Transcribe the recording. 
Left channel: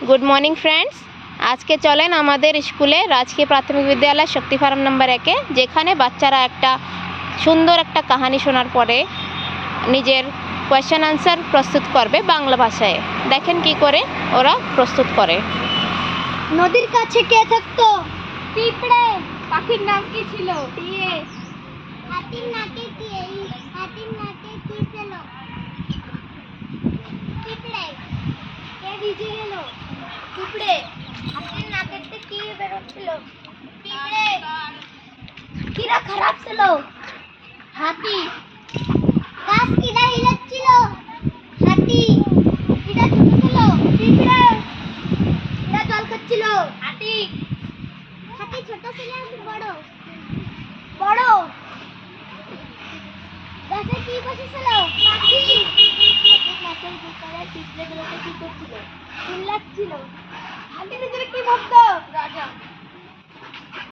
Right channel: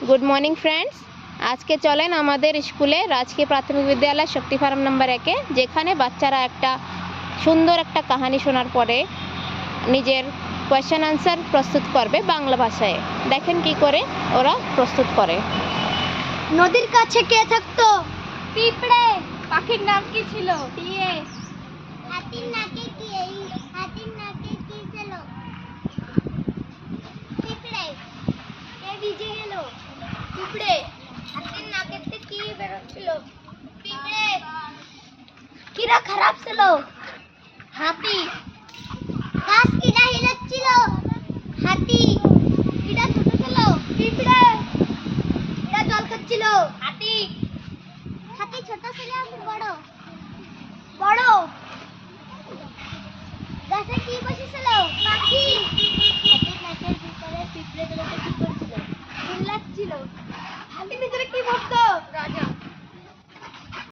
Good morning friends. आज के चलें हमारे स्कूले राजकीय प्राथमिक विद्यालय शक्ति फार्म नम्बर 1 जेखाने बाच्चारा एक सुंदर एक कहानी शोनार परे निजेर क्वेश्चन आंसर प्रस्तुत करबे बांगला भाषाय। देखें कि करे ओरा प्रस्तुत करे। नदीर काछे के थाकतो? पिपड़े। पाखिर नाम की छिलो? टिए। हाथिर नाके टिए। हाथिर नाके की छिलो? पिपड़े। के ভিজে গেল? পিপড়ে। হাতির নাকেতে কি বেরোচ্ছিল? পিপড়ে। কিরা খারাপ ছিল? হাতি। গাছ কিরা হিলাচ্ছিল? হাতি। কিরা ছোট ছিল? পিপড়ে। কিরা জল খাচ্ছিল? হাতি। হাতি ছোট ছিল না বড়? বড়। গাছে কি বসেছিল? পাখি। হাতির নাকের ভিতরে পিঁপড়েগুলোকে কি করছিল? চিল্লাচ্ছিল। হাতি ভিতরে কি ভাবতো? রাজা।